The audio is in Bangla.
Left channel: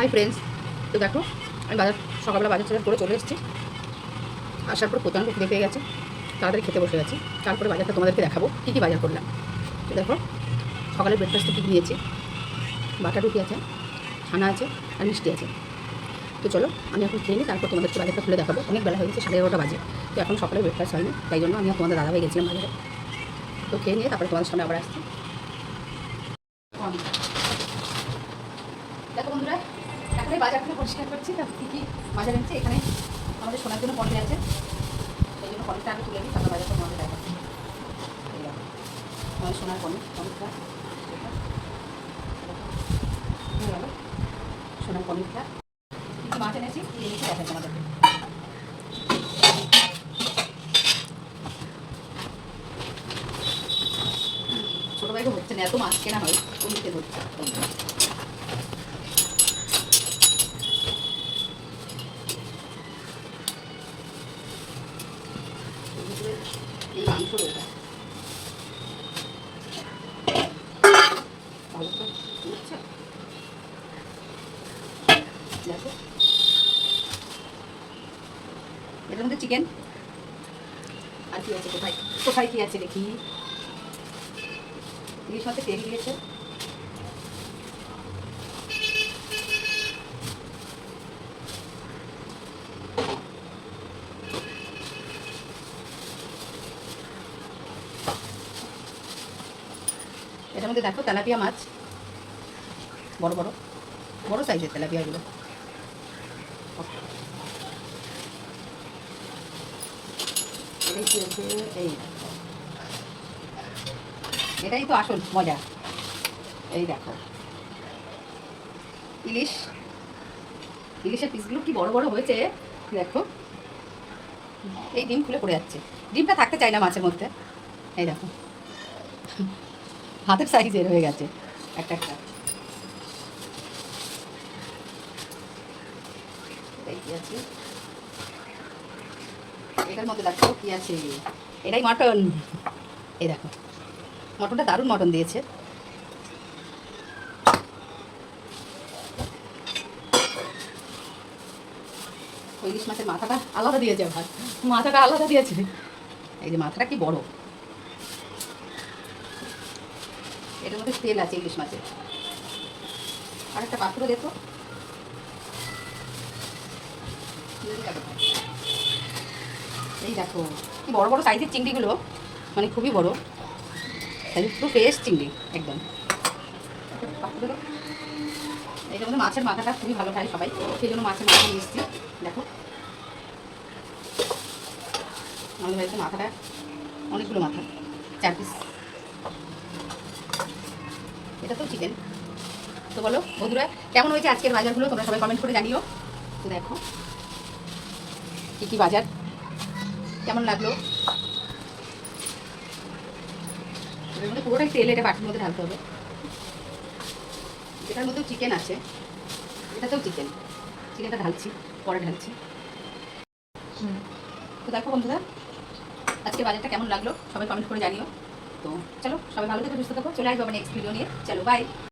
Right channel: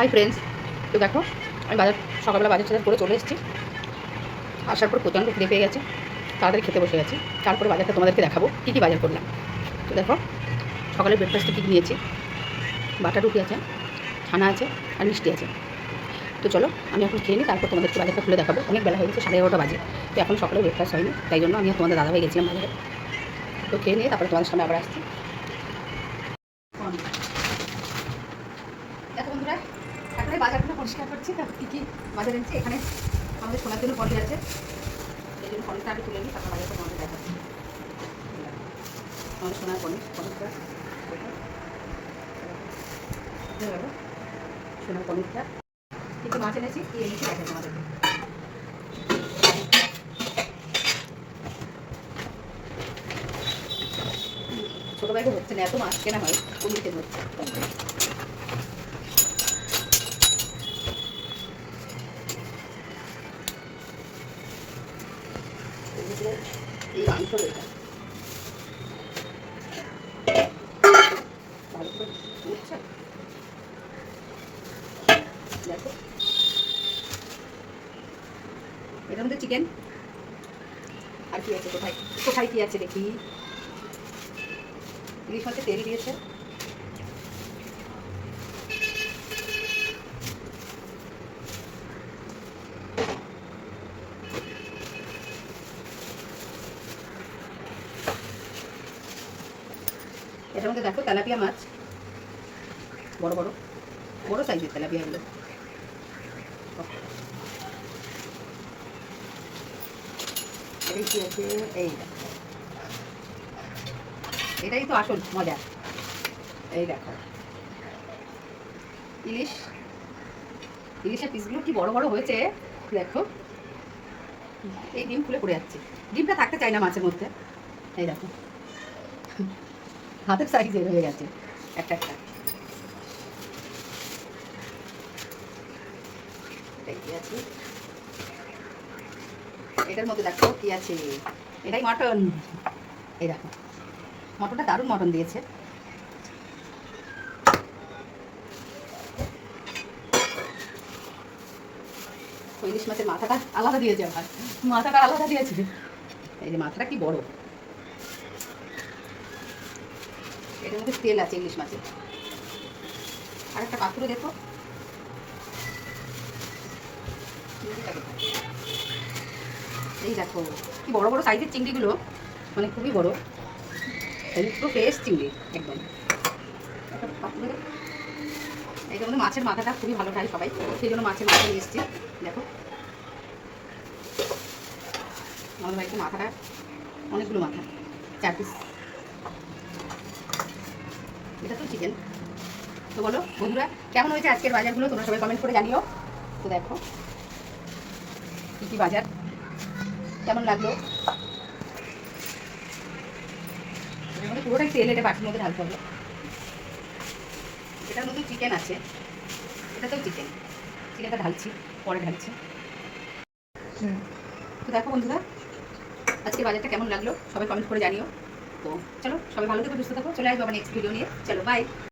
হাই ফ্রেন্ডস, তো দেখো আমি সকালবেলা বাজার টাজার করে চলে এসেছি। আসার পর প্রচণ্ড খিদে পেয়ে গেছে, তাড়াতাড়ি খেতে বসে গেছি। তারপরে বাজারটা তোমাদেরকে দেখাবো কী কী বাজার করলাম। তো দেখো সকালের ব্রেকফাস্টে কী কী নিয়েছি। বাটার রুটি আছে, ছানা আছে আর মিষ্টি আছে। তো চলো আমি এখন খেয়ে নিই, তারপর তোমাদেরকে বাজারটা খুলে দেখাবো। অনেক বেলা হয়ে গেছে, 11:30 বাজে। তো এখন সকালে ব্রেকফাস্ট হয়নি, তাই জন্য আমি তোমাদের দাদা হয়ে গেছিলাম বাজারে। তো খেয়ে নিয়ে তারপরে তোমাদের সামনে আবার আসছি। দেখো বন্ধুরা, এখন এই বাজারগুলো পরিষ্কার করছি। তারপর কী কী বাজার এনেছি। এখানে আমাদের শোনার জন্য পনির আছে, এই জন্য পনিরটা আগে তুলে নিই, তারপর বাজারটা তোমাদের দেখাচ্ছি। আমাদের সোনার পনিরটা হয়ে গেল। সোনার পনিরটা কিন্তু মাছ এনেছি, কি এনেছি দেখাচ্ছি আমাদের। ছোটো ভাইকে হচ্ছে না, এত মাছ কেনা হয় পনিরকে ধরছে। এই মাংস রয়েছে ভালো করে উঠছে, দেখো এটার মধ্যে চিকেন আর কি আছে, কোথায় কোথায় কি আছে দেখি। ইলিশ মাছের তেল দিয়েছে, এটার মধ্যে দেখো তেলাপিয়া মাছ, বড় বড় বড় সাইজের তেলাপিয়াগুলো। এটাই কি আছে, এই এটাই তো আসল মজা। এই দেখো ইলিশের পিসগুলো কি বড় বড় হয়েছে দেখো। এই ডিম খুলে পড়ে যাচ্ছে, ডিমটা থাকতে চায় না মাছের মধ্যে। এই দেখো হাতের সাইজের হয়ে গেছে একটা একটা। এটাই কি আছে, এটার মধ্যে দেখো কি আছে, এটাই মটন। এই দেখো মটনটা দারুণ মটন দিয়েছে। ইলিশ মাছের মাথাটা আলাদা দিয়েছে, আবার মাথাটা আলাদা দিয়েছে। এই যে মাথাটা কি বড়। এটার মধ্যে তেল আছে ইলিশ মাছের। আর একটা পাত্র দেখো, এই দেখো কি বড় বড় সাইজের চিংড়িগুলো, মানে খুবই বড়, পুরো ফ্রেশ চিংড়ি একদম। এইটার মধ্যে মাছের মাথাটা খুবই ভালো খায় সবাই, সেই জন্য মাছের মাথা নিয়ে এসেছি। দেখো আমাদের বাড়িতে মাথাটা অনেকগুলো মাথা, 4 পিস। এটা তো চিকেন। তো বলো বন্ধুরা, কেমন হয়েছে আজকের বাজারগুলো, তোমরা সবাই কমেন্ট করে জানিও। তো দেখো কী কী বাজার, কেমন লাগলো। এটার মধ্যে পুরোটাই তেল, এটা বাটির মধ্যে ঢালতে হবে। এটার মধ্যেও চিকেন আছে, এটাতেও চিকেনটা ঢালছি, পরে ঢালছি। তো দেখো বন্ধুরা, আজকে বাজারটা কেমন লাগলো সবাই কমেন্ট করে জানিও। তো চলো সবাই ভালো থেকো, সুস্থ থাকো, চলে আসবো আবার নেক্সট ভিডিও নিয়ে। চলো বাই।